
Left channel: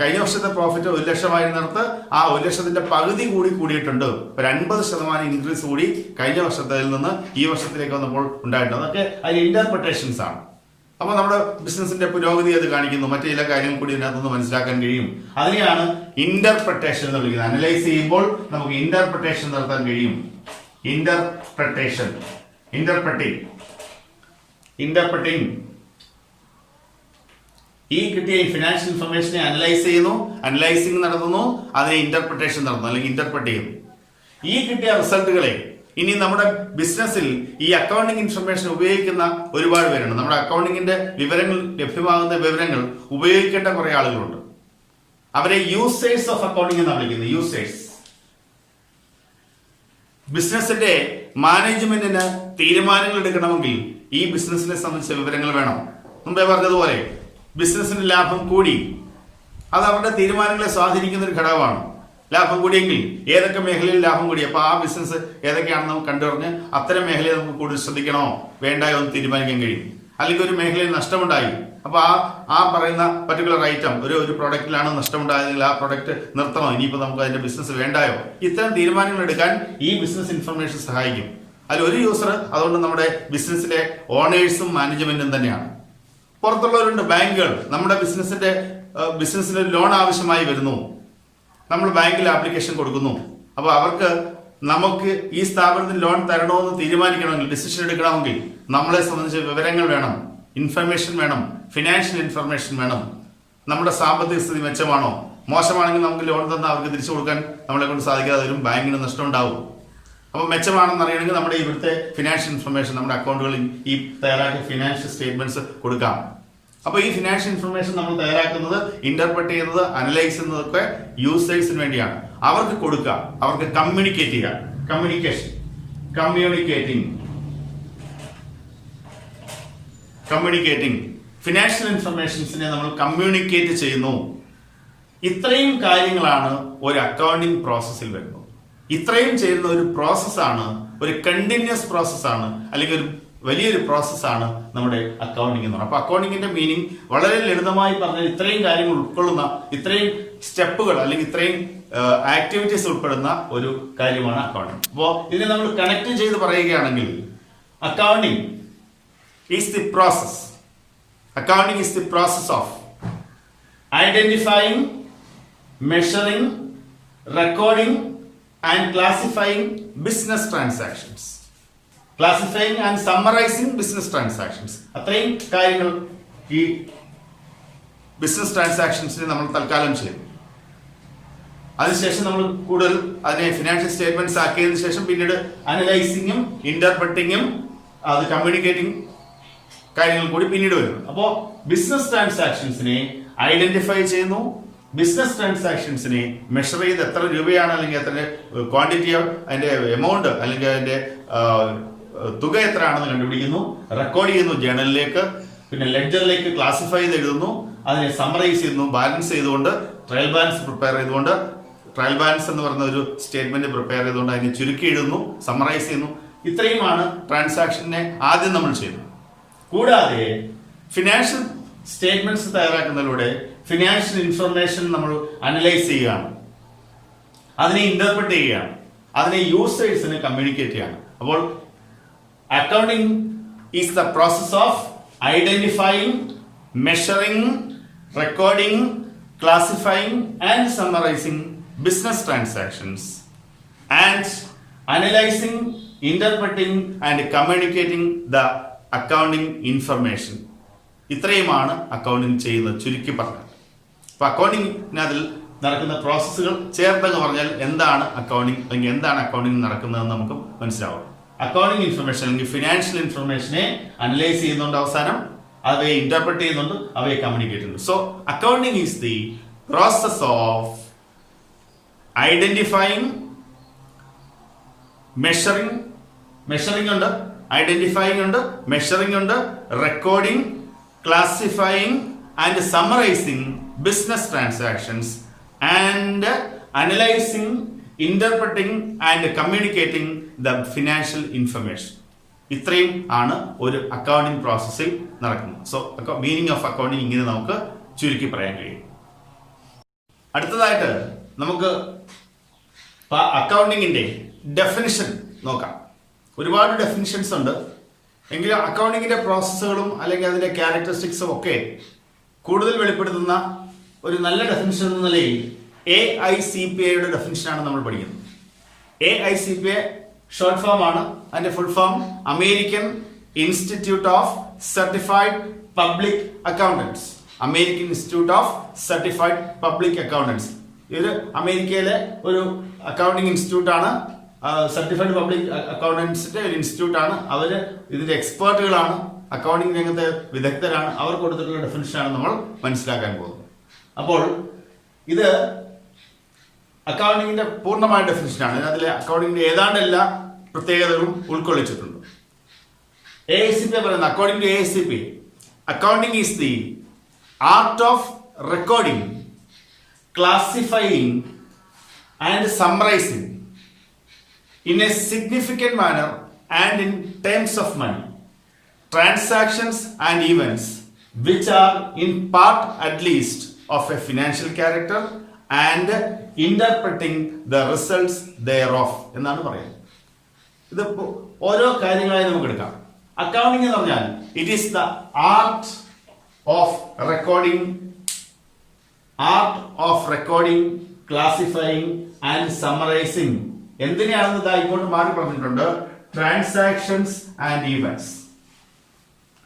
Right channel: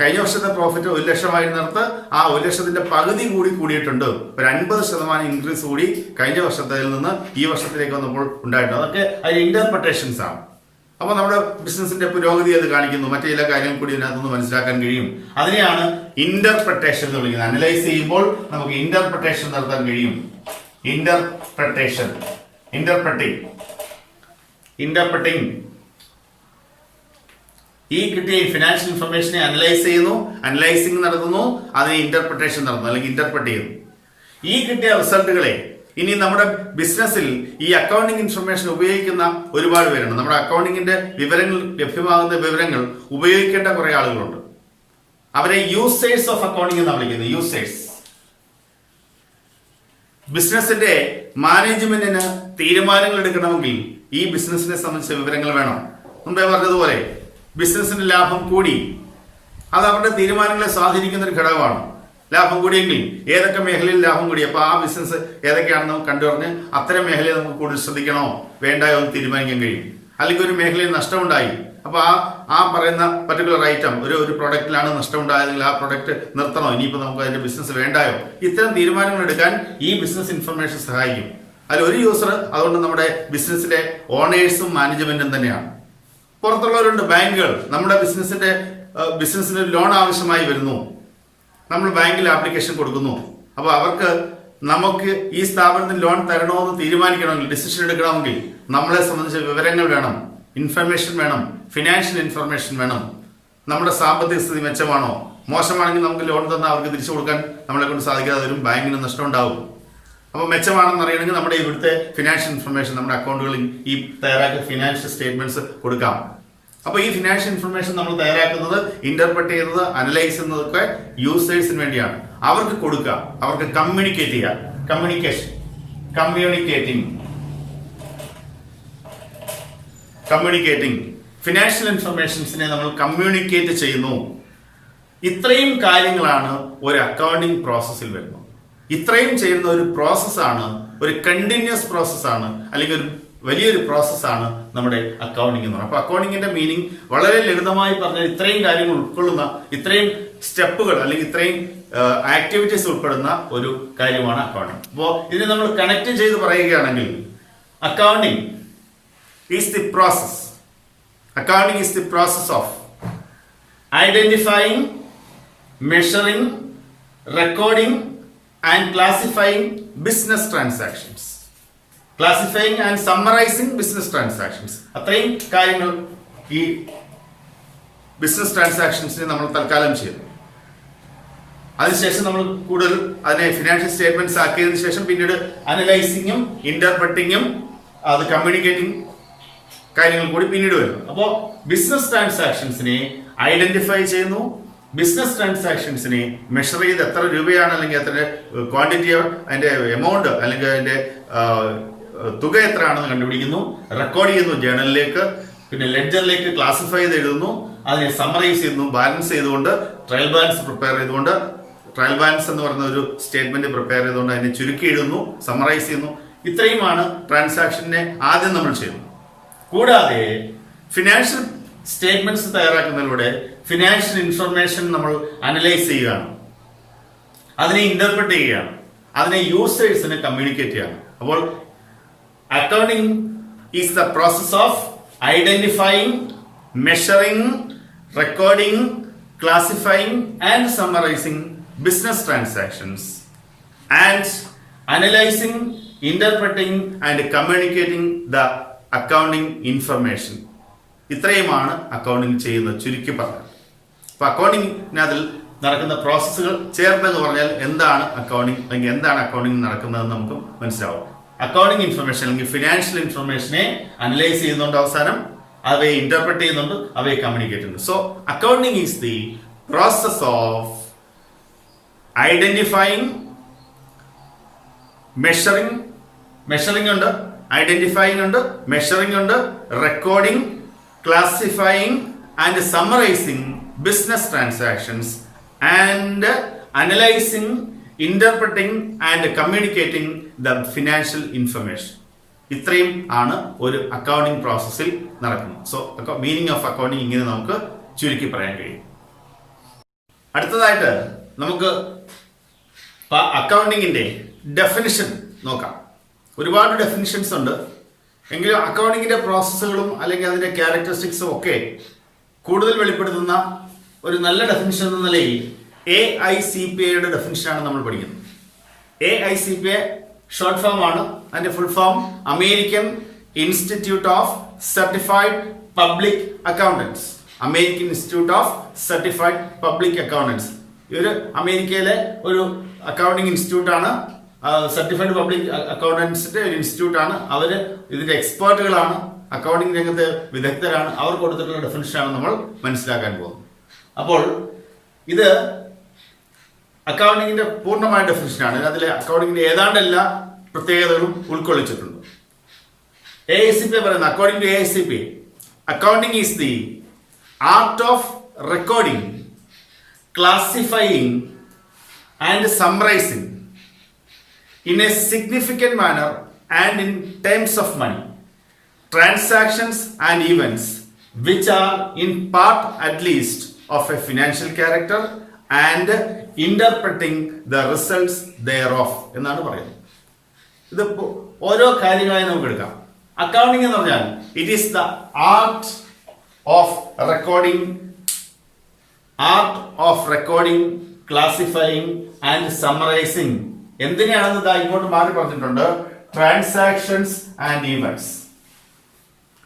കഴിഞ്ഞ വർഷത്തെ പ്രോഫിറ്റ് 1 ലക്ഷമായിരുന്നിടത്ത് ആ 1 ലക്ഷത്തിന്റെ പകുതി കൂടി കൂടിയിട്ടുണ്ട്. ഒരു 50% ഇൻക്രീസ് കൂടി കഴിഞ്ഞ വർഷത്തിൽ നിന്ന് ഈ വർഷത്തിലേക്ക് വന്നപ്പോൾ ഉണ്ടായിട്ടുണ്ട്. അതൊക്കെ അതിന് ഇന്റർപ്രിട്ടേഷൻസ് ആണ്. അപ്പൊ നമ്മുടെ ബിസിനസിന്റെ പുരോഗതി അത് കാണിക്കുന്നു. മറ്റു ചില കാര്യങ്ങൾ കൂടി ഇതിനകത്തുനിന്ന് മനസ്സിലാക്കാൻ കഴിയും. അതിനെയാണ് ഇന്റർപ്രിട്ടേഷൻ എന്ന് വിളിക്കുന്നത്. അനലൈസ് ചെയ്യുമ്പോൾ നമുക്ക് ഇന്റർപ്രിട്ടേഷൻ നടത്താൻ കഴിയും. ഇന്റർപ്രിട്ടേഷൻ, ഇന്റർപ്രിട്ടിങ്. ഈ കിട്ടിയ ഫിനാൻഷ്യൽ ഇൻഫർമേഷനെ അനലൈസ് ചെയ്യുന്നു, അനലൈസിംഗ് നടത്തുന്നു, അതിനെ ഇന്റർപ്രിട്ടേഷൻ നടത്തുന്നു അല്ലെങ്കിൽ ഇന്റർപ്രറ്റ് ചെയ്യുന്നു. ഈ കിട്ടിയ റിസൾട്ടുകളെ ഇനി നമ്മുടെ ബിസിനസ്സിൽ ഈ അക്കൗണ്ടിങ് ഇൻഫർമേഷൻ ഉപയോഗിക്കുന്ന ഒരുപാട് പേരുണ്ട്. നമ്മുടെ അക്കൗണ്ടിങ്ങിന്റെ വിവരങ്ങൾ, ലഭ്യമാകുന്ന വിവരങ്ങൾ ഉപയോഗിക്കേണ്ട കുറെ ആളുകളുണ്ട്. അവരെ യൂസേഴ്സ് ഓഫ് അക്കൗണ്ടിങ് എന്നാണ് വിളിക്കുന്നത്. യൂസേഴ്സ്. ബിസിനസിന്റെ മാനേജ്മെന്റിന് തീരുമാനങ്ങൾ എടുക്കണമെങ്കിൽ ഈ ബിസിനസിനെ സംബന്ധിച്ച വിവരങ്ങൾ വേണം. മുമ്പേ പറഞ്ഞതുപോലെ ബിസിനസിന്റെ ലാഭം കൂടി, അത് അവരുടെ തീരുമാനങ്ങളെ സ്വാധീനിക്കുന്ന ഒരു ഘടകമാണ്. ലാഭം കൂടിയെങ്കിൽ ഏതൊക്കെ മേഖലയിൽ ലാഭം കൂടി, അപ്പൊ ആ ബിസിനസ് ഏതൊക്കെയാണെന്ന് നമുക്ക് കണ്ടുപറഞ്ഞ് അത്തരം മേഖലയെ നമുക്ക് കൂടുതൽ ശ്രദ്ധിക്കണോ വേണ്ടായോ എന്ന് തീരുമാനിക്കാൻ കഴിയും. അല്ലെങ്കിൽ ഒരു മേഖലയിൽ നഷ്ടമുണ്ടായി, അപ്പൊ ആ പറയുന്ന പർട്ടിക്കുലർ ഐറ്റം ഒരു പ്രൊഡക്റ്റിലാണ് നഷ്ടമുണ്ടായതെങ്കിൽ ആ പ്രൊഡക്റ്റ് നിർത്തണോ, ഇനിയിപ്പോ നമുക്ക് അതിന്റെ ബിസിനസ് വേണ്ടായോ, ഇത്തരം തീരുമാനങ്ങൾ എടുക്കാൻ ഈ ബിസിനസ് ഇൻഫർമേഷൻ സഹായിക്കും. അതിലൊരു യൂസർ അതുകൊണ്ട് നമ്മുടെ ബിസിനസ്സിലെ ഓണേഴ്സും മാനേജ്മെന്റും തന്നെയാണ്. പുറത്തുള്ളവരുണ്ട്, ബാങ്കുകൾ. നമ്മുടെ ബിസിനസ്സിന് ലോൺ ആവശ്യമായി വരുന്നു, നമ്മൾ ബാങ്കിൽ ആപ്ലിക്കേഷൻ കൊടുക്കുന്നു. അപ്പൊ അവർക്ക് നമുക്ക് ഈ സ്ഥാപനത്തിന് ലോൺ തരണമെന്ന് തീരുമാനിക്കണമെങ്കിൽ, ഡിസിഷൻ എടുക്കണമെങ്കിൽ നമ്മളെ സംബന്ധിച്ച വിവരങ്ങൾ വേണം, ഇൻഫർമേഷൻ വേണം, ഫിനാൻഷ്യൽ ഇൻഫർമേഷൻ വേണം. നമ്മുടെ സാമ്പത്തിക സ്ഥിതി മെച്ചമാണോ, മോശമാണെങ്കിൽ നമുക്ക് ലോൺ തന്നാൽ അവർക്ക് തിരിച്ചു കൊടുക്കാൻ നമ്മളെ കൊണ്ട് സാധിക്കാതെ വരും, ബാങ്കിന് നഷ്ടം ഉണ്ടാവും. അപ്പൊ മെച്ചമാണെന്ന് അറിയണമെങ്കിൽ നമ്മുടെ ഇവിടുത്തെ ഫിനാൻഷ്യൽ ഇൻഫർമേഷൻ, നമ്മുടെ അക്കൗണ്ടുകളിൽ ഈ തയ്യാറാക്കിയ ഫിനാൻഷ്യൽ സ്റ്റേറ്റ്മെന്റ്സ് കൊടുക്കാം. അപ്പൊ ഈ ഫിനാൻഷ്യൽ ഇൻഫർമേഷൻ നമ്മൾ തയ്യാറാക്കുന്നത്, ഇന്റർപ്രറ്റ് ചെയ്യുന്നത്, അനലൈസ് ചെയ്യുന്നതൊക്കെ യൂസേഴ്സിന് വേണ്ടിയാണ്. അവർക്ക് കൊടുക്കുക, അവർക്ക് കമ്മ്യൂണിക്കേറ്റ് ചെയ്യുക. കമ്മ്യൂണിക്കേറ്റിംഗ് ഫിനാൻഷ്യൽ ഇൻഫർമേഷൻസിനെ നമ്മൾ കമ്മ്യൂണിക്കേറ്റ് ചെയ്യുന്നു. ഇത്രയും കാര്യങ്ങളാണ് ഒരു അക്കൗണ്ടിങ് പ്രോസസ്സിൽ വരുന്നത്. ഇത്രയും ചെയ്യുന്ന ഒരു പ്രോസസ്സാണ്, ഒരു കണ്ടിന്യൂസ് പ്രോസസ്സാണ്, അല്ലെങ്കിൽ ഒരു വലിയൊരു പ്രോസസ്സാണ് നമ്മുടെ അക്കൗണ്ടിങ് എന്ന് പറയുന്നത്. അപ്പൊ അക്കൗണ്ടിങ്ങിന്റെ മീനിങ് വളരെ ലളിതമായി പറഞ്ഞാൽ ഇത്രയും കാര്യങ്ങൾ ഉൾക്കൊള്ളുന്ന, ഇത്രയും സ്റ്റെപ്പുകൾ അല്ലെങ്കിൽ ഇത്രയും ആക്ടിവിറ്റീസ് ഉൾപ്പെടുന്ന ഒരു കാര്യമാണ് അക്കൗണ്ടിങ്. അപ്പോ ഇതിനെ നമ്മൾ കണക്ട് ചെയ്ത് പറയുകയാണെങ്കിൽ accounting is the process. Accounting is the process of identifying, measuring, recording and classifying business transactions. Classifying and summarising business transactions. അത്രയും കാര്യങ്ങൾ ഈ ബിസിനസ് ട്രാൻസാക്ഷൻസിന് നമ്മൾ തൽക്കാലം ചെയ്യുന്നു. അതിനുശേഷം നമ്മൾ കൂടുതൽ അതിനെ ഫിനാൻഷ്യൽ സ്റ്റേറ്റ്മെന്റ്സ് ആക്കിയതിനു ശേഷം പിന്നീട് അനലൈസിങ്ങും ഇന്റർപ്രറ്റിങ്ങും അത് കമ്മ്യൂണിക്കേറ്റിംഗ് കാര്യങ്ങൾ കൂടി പിന്നീട് വരുന്നു. അപ്പോ ബിസിനസ് ട്രാൻസാക്ഷൻസിനെ ഐഡന്റിഫൈ ചെയ്യുന്നു, ബിസിനസ് ട്രാൻസാക്ഷൻസിനെ മെഷർ ചെയ്ത് എത്ര രൂപയാണ് അല്ലെങ്കിൽ എത്ര ക്വാണ്ടിറ്റി, അതിന്റെ എമൗണ്ട് അല്ലെങ്കിൽ അതിന്റെ തുക എത്രയാണെന്ന് കണ്ടുപിടിക്കുന്നു, റെക്കോർഡ് ചെയ്യുന്നു ജേണലിലേക്ക്, പിന്നെ ലെഡ്ജറിലേക്ക് ക്ലാസിഫൈ ചെയ്ത് എഴുതുന്നു, അതിനെ സമ്മറൈസ് ചെയ്യുന്നു, ബാലൻസ് ചെയ്തുകൊണ്ട് ട്രയൽ ബാലൻസ് പ്രിപ്പയർ ചെയ്തുകൊണ്ട്, ട്രയൽ ബാലൻസ് എന്ന് പറയുന്ന ഒരു സ്റ്റേറ്റ്മെന്റ് പ്രിപ്പയർ ചെയ്തുകൊണ്ട് അതിനെ ചുരുക്കി എഴുതുന്നു, സമ്മറൈസ് ചെയ്യുന്നു. ഇത്രയുമാണ് ട്രാൻസാക്ഷനെ ആദ്യം നമ്മൾ ചെയ്യുന്നത്. കൂടാതെ ഫിനാൻഷ്യൽ സ്റ്റേറ്റ്മെന്റ്സ് തയ്യാറാക്കുന്നതിലൂടെ ഫിനാൻഷ്യൽ ഇൻഫർമേഷൻ നമ്മൾ അനലൈസ് ചെയ്യുകയാണ്, അതിനെ ഇന്റർപ്രറ്റ് ചെയ്യുകയാണ്, അതിനെ യൂസേഴ്സിന് കമ്മ്യൂണിക്കേറ്റ് ചെയ്യാണ്. അപ്പോൾ accounting is the process of identifying, measuring, recording, classifying and summarising business transactions and analysing, interpreting and communicating the accounting information. ഇത്രയുമാണ് അക്കൗണ്ടിങ് ചെയ്യുന്നത് ചുരുക്കി പറഞ്ഞത്. അപ്പൊ അക്കൗണ്ടിങ്ങിനതിൽ നടക്കുന്ന പ്രോസസ്സുകൾ ചേർത്തെന്ന് പറഞ്ഞാൽ എന്താണ് അക്കൗണ്ടിങ് അല്ലെങ്കിൽ എന്താണ് അക്കൗണ്ടിങ് നടക്കുന്നതെന്ന് നമുക്ക് മനസ്സിലാവും. അക്കൗണ്ടിങ് ഇൻഫർമേഷൻ അല്ലെങ്കിൽ ഫിനാൻഷ്യൽ ഇൻഫർമേഷനെ അനലൈസ് ചെയ്യുന്നുണ്ട്, അവസാനം അവയെ ഇന്റർപ്രറ്റ് ചെയ്യുന്നുണ്ട്, അവയെ കമ്മ്യൂണിക്കേറ്റ് ചെയ്യുന്നുണ്ട്. So accounting is the process of identifying, measuring ഉണ്ട്, ഐഡന്റിഫൈയിങ് ഉണ്ട്, മെഷറിംഗ് ഉണ്ട്, recording, classifying and summarising business transactions and analysing, interpreting and communicating the financial information. ഇത്രയും ആണ് ഒരു അക്കൗണ്ടിംഗ് പ്രോസസ്സിൽ നടക്കുന്നത്. സോ മീനിങ് ഓഫ് അക്കൗണ്ടിംഗ് ഇങ്ങനെ നമുക്ക് ചുരുക്കി പറയാൻ കഴിയും. അടുത്തതായിട്ട് നമുക്ക് അക്കൗണ്ടിങ്ങിന്റെ ഡെഫിനിഷൻ നോക്കാം. ഒരുപാട് ഡെഫിനിഷൻസ് ഉണ്ട്. എങ്കിലും അക്കൗണ്ടിങ്ങിന്റെ പ്രോസസ്സുകളും അല്ലെങ്കിൽ അതിന്റെ ക്യാരക്ടറിസ്റ്റിക്സും ഒക്കെ കൂടുതൽ വെളിപ്പെടുത്തുന്ന ഒരു നല്ല ഡെഫിനിഷൻ എന്ന നിലയിൽ AICPAയുടെ ഡെഫിനിഷനാണ് നമ്മൾ പഠിക്കുന്നത്. AICPA ഷോർട്ട് ഫോം ആണ്. അതിന്റെ full form American institute of certified public accountants. American institute of certified public accountants ഇതൊരു അമേരിക്കയിലെ ഒരു അക്കൗണ്ടിങ് ഇൻസ്റ്റിറ്റ്യൂട്ട് ആണ്. സർട്ടിഫൈഡ് പബ്ലിക് അക്കൗണ്ടൻസിന്റെ ഒരു ഇൻസ്റ്റിറ്റ്യൂട്ട് ആണ്. അവര് ഇതിന്റെ എക്സ്പേർട്ടുകളാണ്, അക്കൗണ്ടിങ് രംഗത്ത് വിദഗ്ധരാണ്. അവർ കൊടുത്തിട്ടുള്ള ഡെഫിനിഷനാണ് നമ്മൾ മനസ്സിലാക്കാൻ പോകുന്നത്. അപ്പോൾ ഇത് അക്കൗണ്ടിങ്ങിന്റെ പൂർണ്ണമായ ഡെഫിനിഷനാണ്. അതിൽ അക്കൗണ്ടിങ്ങിന്റെ ഏതാണ്ട് എല്ലാ പ്രത്യേകതകളും ഉൾക്കൊള്ളിച്ചിട്ടുണ്ട്. AICPA പറയുന്നത്, according to AICPA, accounting is the art of recording, classifying and summarising in a significant manner and in terms of money, transactions and events which are in part at least of a financial character and interpreting the results thereof എന്നാണ് പറയുന്നത്. ഇത് ഓരോ കാര്യങ്ങളായി നമുക്ക് എടുക്കാം. Accounting എന്ന് പറഞ്ഞാൽ it is the art of recording, classifying and summarising. എന്തിനാണെന്ന് ഇതാ ഇങ്ങോട്ട് മാറി പറഞ്ഞിട്ടുണ്ട്. Transactions and events.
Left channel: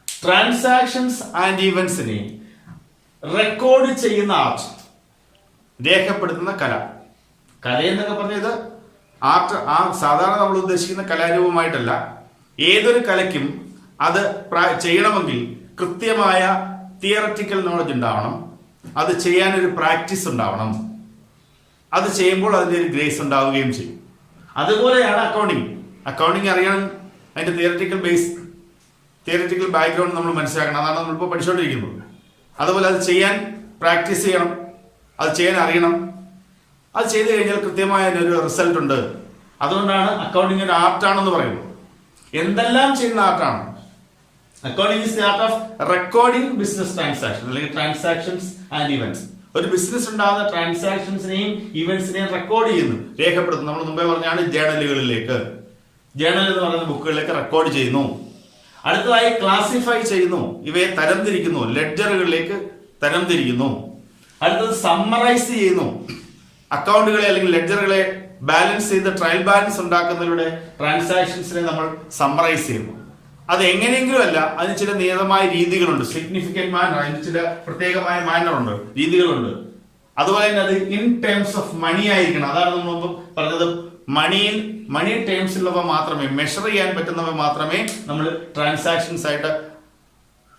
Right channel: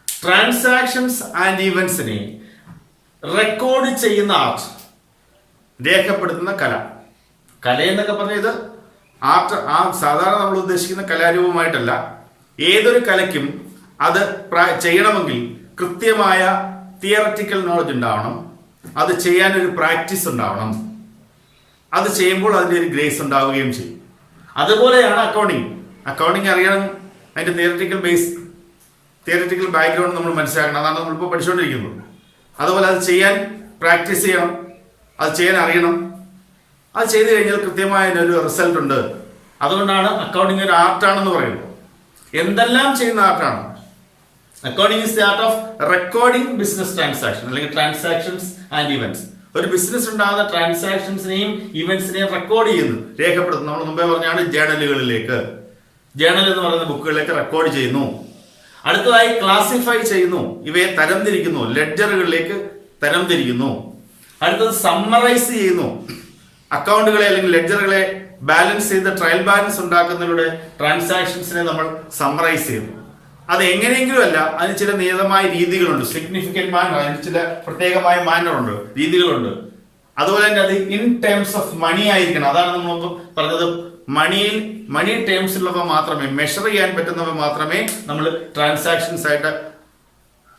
Transactions and ഈവൻസിനെ റെക്കോർഡ് ചെയ്യുന്ന ആർട്ട്, രേഖപ്പെടുത്തുന്ന കല. കലയെന്നൊക്കെ പറഞ്ഞത് ആർട്ട് സാധാരണ നമ്മൾ ഉദ്ദേശിക്കുന്ന കലാരൂപമായിട്ടല്ല. ഏതൊരു കലയ്ക്കും അത് ചെയ്യണമെങ്കിൽ കൃത്യമായ തിയററ്റിക്കൽ നോളജ് ഉണ്ടാവണം. അത് ചെയ്യാനൊരു പ്രാക്ടീസ് ഉണ്ടാവണം. അത് ചെയ്യുമ്പോൾ അതിന്റെ ഒരു ഗ്രേസ് ഉണ്ടാവുകയും ചെയ്യും. അതുപോലെയാണ് അക്കൗണ്ടിങ്. അക്കൗണ്ടിങ് അറിയണം, അതിന്റെ തിയററ്റിക്കൽ ബാക്ക്ഗ്രൗണ്ട് നമ്മൾ മനസ്സിലാക്കണം. അതാണ് നമ്മളിപ്പോൾ പഠിച്ചുകൊണ്ടിരിക്കുന്നത്. അതുപോലെ അത് ചെയ്യാൻ പ്രാക്ടീസ് ചെയ്യണം, അത് ചെയ്യാൻ അറിയണം. അത് ചെയ്തു കഴിഞ്ഞാൽ കൃത്യമായ ഒരു റിസൾട്ട് ഉണ്ട്. അതുകൊണ്ടാണ് അക്കൗണ്ടിങ് ഒരു ആർട്ടാണെന്ന് പറയുന്നത്. എന്തെല്ലാം ചെയ്യുന്ന ആർട്ടാണ്. Accounting is the art of recording business transaction അല്ലെങ്കിൽ ട്രാൻസാക്ഷൻസ് ആൻഡ് ഇവന്റ്സ്. ഒരു ബിസിനസ് ഉണ്ടാകുന്ന ട്രാൻസാക്ഷൻസിനെയും ഇവന്റ്സിനെയും റെക്കോർഡ് ചെയ്യുന്നു, രേഖപ്പെടുത്തുന്നു. നമ്മൾ മുമ്പേ പറഞ്ഞാണ് ജേണലുകളിലേക്ക്, ജേണൽ എന്ന് പറയുന്ന ബുക്കുകളിലേക്ക് റെക്കോർഡ് ചെയ്യുന്നു. അടുത്തതായി ക്ലാസിഫൈ ചെയ്യുന്നു, ഇവയെ തരംതിരിക്കുന്നു, ലെഡ്ജറുകളിലേക്ക് തരംതിരിക്കുന്നു. അടുത്തത് സമ്മറൈസ് ചെയ്യുന്നു, അക്കൗണ്ടുകളെ അല്ലെങ്കിൽ ലെഡ്ജറുകളെ ബാലൻസ് ചെയ്ത് ട്രയൽ ബാലൻസ് ഉണ്ടാക്കുന്നതിലൂടെ ട്രാൻസാക്ഷൻസിനെ നമ്മൾ സമ്മറൈസ് ചെയ്യുന്നു. അത് എങ്ങനെയെങ്കിലും അല്ല, അതിന് ചില നിയതമായ രീതികളുണ്ട്. സിഗ്നിഫിക്കന്റ് മാനർ, അതിന് ചില പ്രത്യേകമായ മാനറുണ്ട്, രീതികളുണ്ട്. അതുപോലെ തന്നെ അത് ഇൻ ടേംസ് ഓഫ് മണി ആയിരിക്കണം. അതാണ് നമ്മൾ മുമ്പ് പറഞ്ഞത്. മണി ടേംസിലുള്ളവ മാത്രമേ, മെഷർ ചെയ്യാൻ പറ്റുന്നവ മാത്രമേ നമ്മൾ ട്രാൻസാക്ഷൻസ് ആയിട്ട്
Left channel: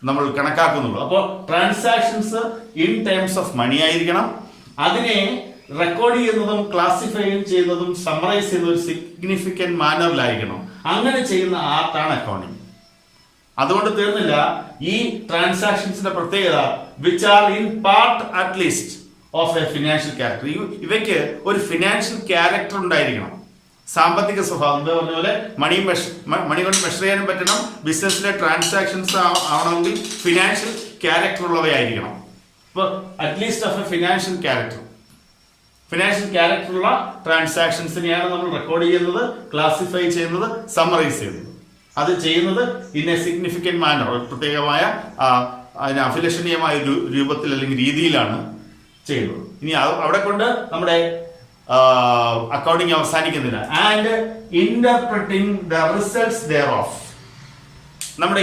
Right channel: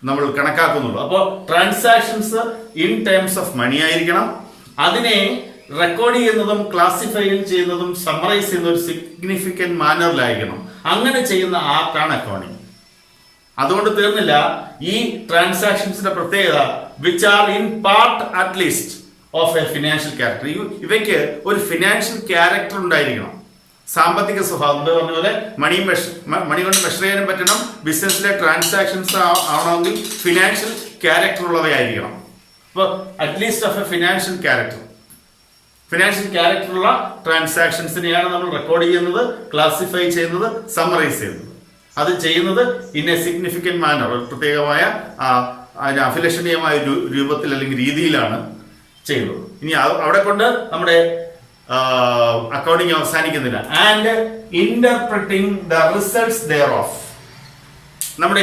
നമ്മൾ കണക്കാക്കുന്നുള്ളൂ. അപ്പോൾ transactions in terms of money ആയിരിക്കണം. അതിനെ റെക്കോർഡ് ചെയ്യുന്നതും ക്ലാസിഫൈ ചെയ്യുന്നതും സമ്മറൈസ് ചെയ്യുന്ന ഒരു സിഗ്നിഫിക്കന്റ് മാനറിലായിരിക്കണം. അങ്ങനെ ചെയ്യുന്ന ആർട്ടാണ് അക്കൗണ്ടിങ്. അതുകൊണ്ട് തീർന്നില്ല. ഈ ട്രാൻസാക്ഷൻസിന്റെ പ്രത്യേകത which are in part at least of A financial character. ഇവയ്ക്ക് ഒരു ഫിനാൻഷ്യൽ ക്യാരക്ടർ ഉണ്ടായിരിക്കണം. സാമ്പത്തിക സ്വഭാവം എന്ന് പറഞ്ഞ പോലെ മണി കൊണ്ട് മെഷർ ചെയ്യാനും പറ്റണം. ബിസിനസ്സിലെ ട്രാൻസാക്ഷൻസ് ആവണമെങ്കിൽ ഫിനാൻഷ്യൽ ക്യാരക്ടർ ഉള്ളവയായിരിക്കണം. അപ്പോൾ അറ്റ്ലീസ്റ്റ് ഓഫ് എ ഫിനാൻഷ്യൽ ക്യാരക്ടറുള്ള ട്രാൻസാക്ഷൻസിനെയാണ് നമ്മൾ റെക്കോർഡ് ചെയ്യുന്നത്, ക്ലാസിഫൈ ചെയ്യുന്നത്, സമ്മറൈസ് ചെയ്യുന്നത്. അത് ചെയ്യുന്നത് ഇൻ എ സിഗ്നിഫിക്കന്റ് മാനർ, ഒരു പ്രത്യേകമായ അതിന് അഭിലഷണീയമായ രൂപത്തിൽ അല്ലെങ്കിൽ രീതിയിലാണ് ചെയ്യുന്നത്. ഇനി അവിടെ കൊണ്ട് നമ്മുടെ അക്കൗണ്ടിങ് അവസാനിക്കുന്നില്ല. And interpreting the results thereof. നമ്മൾ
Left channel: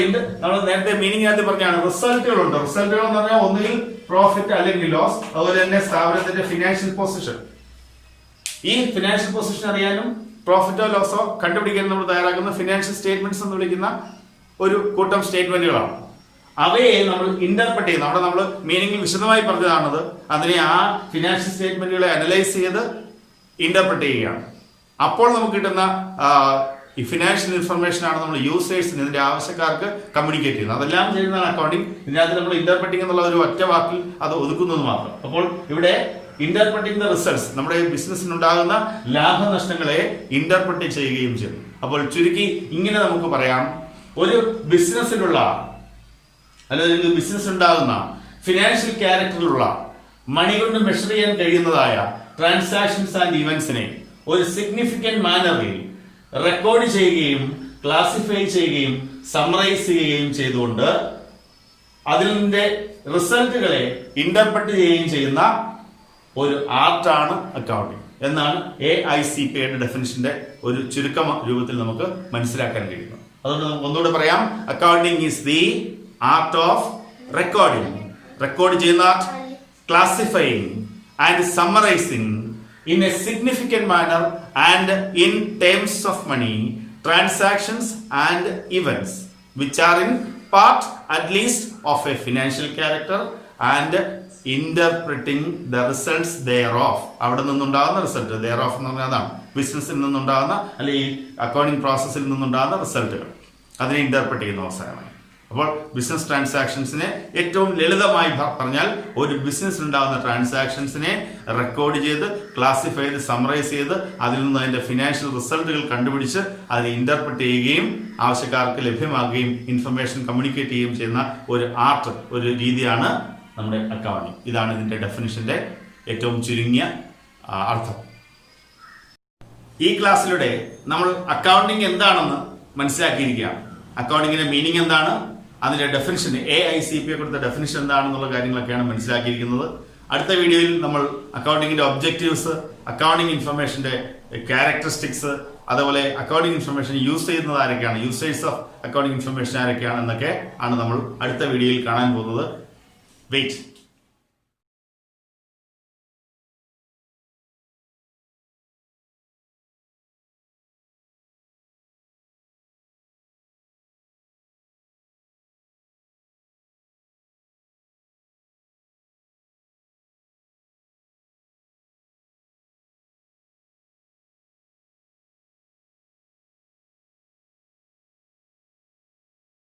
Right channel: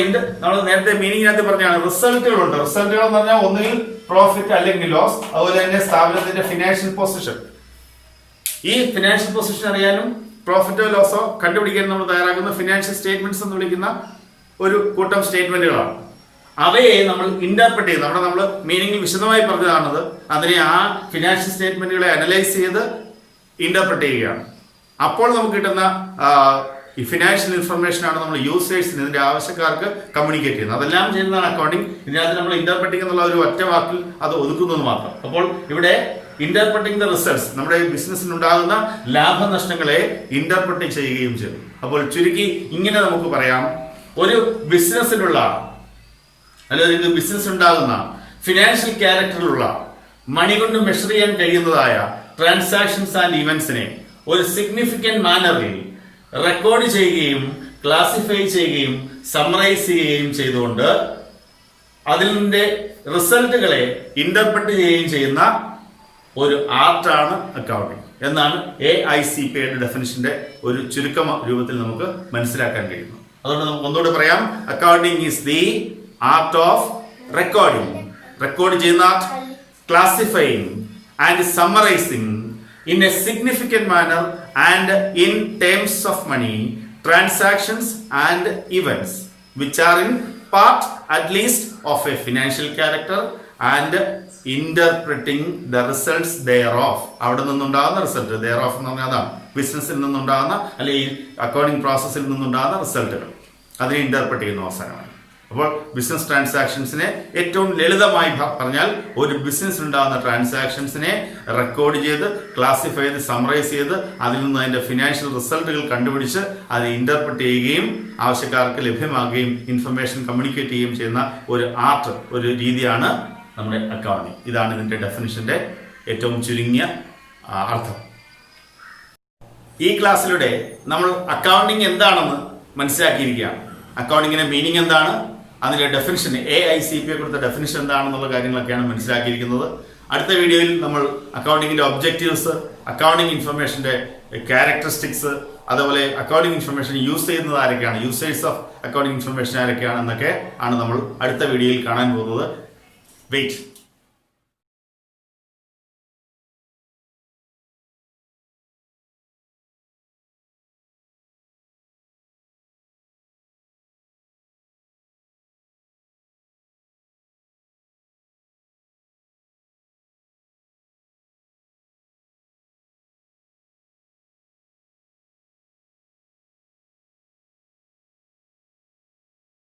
നേരത്തെ മീനിങ്ങിനകത്ത് പറഞ്ഞാണ് റിസൾട്ടുകളുണ്ട്. റിസൾട്ടുകൾ എന്ന് പറഞ്ഞാൽ ഒന്നുകിൽ പ്രോഫിറ്റ് അല്ലെങ്കിൽ ലോസ്. അതുപോലെ തന്നെ സ്ഥാപനത്തിന്റെ ഫിനാൻഷ്യൽ പൊസിഷൻ. ഈ ഫിനാൻഷ്യൽ പൊസിഷൻ അറിയാനും പ്രോഫിറ്റോ ലോസോ കണ്ടുപിടിക്കാൻ നമ്മൾ തയ്യാറാക്കുന്ന ഫിനാൻഷ്യൽ സ്റ്റേറ്റ്മെന്റ്സ് എന്ന് വിളിക്കുന്ന ഒരു കൂട്ടം സ്റ്റേറ്റ്മെന്റുകളാണ്. അവയെ നമ്മൾ ഇന്റർപ്രറ്റ് ചെയ്യുന്നത്, അവിടെ നമ്മൾ മീനിങ്ങിൽ വിശദമായി പറഞ്ഞതാണത്. അതിനെ ആ ഫിനാൻഷ്യൽ സ്റ്റേറ്റ്മെന്റുകളെ അനലൈസ് ചെയ്ത് ഇന്റർപ്രറ്റ് ചെയ്യുകയാണ്. അപ്പോൾ നമുക്ക് കിട്ടുന്ന ഈ ഫിനാൻഷ്യൽ ഇൻഫർമേഷൻ ആണ് നമ്മൾ യൂസേഴ്സിന്, ഇതിന്റെ ആവശ്യക്കാർക്ക് കമ്മ്യൂണിക്കേറ്റ് ചെയ്യുന്നത്. അതെല്ലാം ചെയ്യുന്നതാണ് അക്കൗണ്ടിങ്. ഇതിനകത്ത് നമ്മൾ ഇന്റർപ്രറ്റിംഗ് എന്നുള്ള ഒരു ഒറ്റ വാക്കിൽ അത് ഒതുക്കുന്നത് മാത്രം. അപ്പോൾ ഇവിടെ ഇന്റർപ്രറ്റിംഗ് ദ റിസൾട്ട്സ്, നമ്മുടെ ഈ ബിസിനസ്സിനുണ്ടാകുന്ന ലാഭനഷ്ടങ്ങളെ ഇന്റർപ്രറ്റ് ചെയ്യുകയും ചെയ്യും. അപ്പോൾ ചുരുക്കി ഇങ്ങനെ നമുക്ക് പറയാം, ഒരു ബിസിനസ്സിലുള്ള അല്ലെങ്കിൽ ബിസിനസ് ഉണ്ടാകുന്ന ഫിനാൻഷ്യൽ ക്യാരക്ടറിലുള്ള മണി കൊണ്ട് മെഷർ ചെയ്യാൻ കഴിയുന്നതായ ട്രാൻസാക്ഷൻസ് ആൻഡ് ഇവന്റ്സിനെ ഒരു സിഗ്നിഫിക്കന്റ് മാനറിൽ റെക്കോർഡ് ചെയ്യുകയും ക്ലാസിഫൈ ചെയ്യുകയും സമ്മറൈസ് ചെയ്യുകയും ചെയ്തുകൊണ്ട് അതിന്റെ റിസൾട്ടുകളെ ഇന്റർപ്രറ്റ് ചെയ്യുകയും ചെയ്യുന്ന ഒരു ആർട്ടാണ് അക്കൗണ്ടിങ് എന്നാണ് AICPAയുടെ ഡെഫിനിഷന്റെ ഒരു ചുരുക്ക രൂപത്തിൽ നമുക്ക് മനസ്സിലാക്കാൻ കഴിയുന്നത്. അതുകൊണ്ട് നമുക്ക് ഒന്നുകൂടെ പറയാം, accounting is the art of recording. Record ചെയ്യുന്ന art, classifying and summarising in a significant manner and in terms of money, transactions and events which are in part at least of a financial character and interpreting the results thereof. അവിടെ നിന്നുണ്ടാകുന്ന result, thereof എന്ന് പറഞ്ഞാൽ അതാണ് ബിസിനസ്സിൽ നിന്നുണ്ടാകുന്ന അല്ലെങ്കിൽ accounting പ്രോസസ്സിൽ നിന്നുണ്ടാകുന്ന റിസൾട്ടുകൾ, അതിനെ ഇന്റർപ്രറ്റ് ചെയ്യുന്ന അവസരമായി. അപ്പോൾ ബിസിനസ് ട്രാൻസാക്ഷൻസിനെ ഏറ്റവും ലളിതമായി പറഞ്ഞാൽ ഒരു ബിസിനസ്സിൽ ഉണ്ടാകുന്ന ട്രാൻസാക്ഷൻസിനെ റെക്കോർഡ് ചെയ്ത് ക്ലാസിഫൈ ചെയ്ത് സമ്മറൈസ് ചെയ്ത് അതിൽ നിന്ന് അതിന്റെ ഫിനാൻഷ്യൽ റിസൾട്ടുകൾ കണ്ടുപിടിച്ച് അതിനെ ഇന്റർപ്രറ്റ് ചെയ്യുകയും ആവശ്യക്കാർക്ക് ലഭ്യമാകുകയും ഇൻഫർമേഷൻ കമ്മ്യൂണിക്കേറ്റ് ചെയ്യുകയും ചെയ്യുന്ന ഒരു ആർട്ട്, ഒരു രീതിയാണ് നമ്മുടെ അക്കൗണ്ടിങ്. ഇതാണ് ഇതിന്റെ ഡെഫിനിഷന്റെ ഏറ്റവും ചുരുങ്ങിയ അർത്ഥം. ഈ ക്ലാസ്സിലൂടെ നമ്മൾ അക്കൗണ്ടിങ് എന്താണെന്ന് മനസ്സിലാക്കിയിരിക്കുകയാണ്. അക്കൗണ്ടിങ്ങിന്റെ മീനിങ് എന്താണ്, അതിന്റെ ഡെഫിനിഷൻ, AICPA കൊടുത്ത ഡെഫിനിഷൻ എന്താണെന്നുള്ള കാര്യങ്ങളൊക്കെയാണ് മനസ്സിലാക്കിയിരിക്കുന്നത്. അടുത്ത വീഡിയോയിൽ നമ്മൾ അക്കൗണ്ടിങ്ങിന്റെ ഒബ്ജക്റ്റീവ്സ്, അക്കൗണ്ടിങ് ഇൻഫർമേഷന്റെ ക്യാരക്ടറിസ്റ്റിക്സ്, അതുപോലെ അക്കൗണ്ടിങ് ഇൻഫർമേഷൻ യൂസ് ചെയ്യുന്നത് ആരൊക്കെയാണ്, യൂസേഴ്സ് ഓഫ് അക്കൗണ്ടിങ് ഇൻഫർമേഷൻ ആരൊക്കെയാണ് എന്നൊക്കെ ആണ് നമ്മൾ അടുത്ത വീഡിയോയിൽ കാണാൻ പോകുന്നത്. വെയിറ്റ്.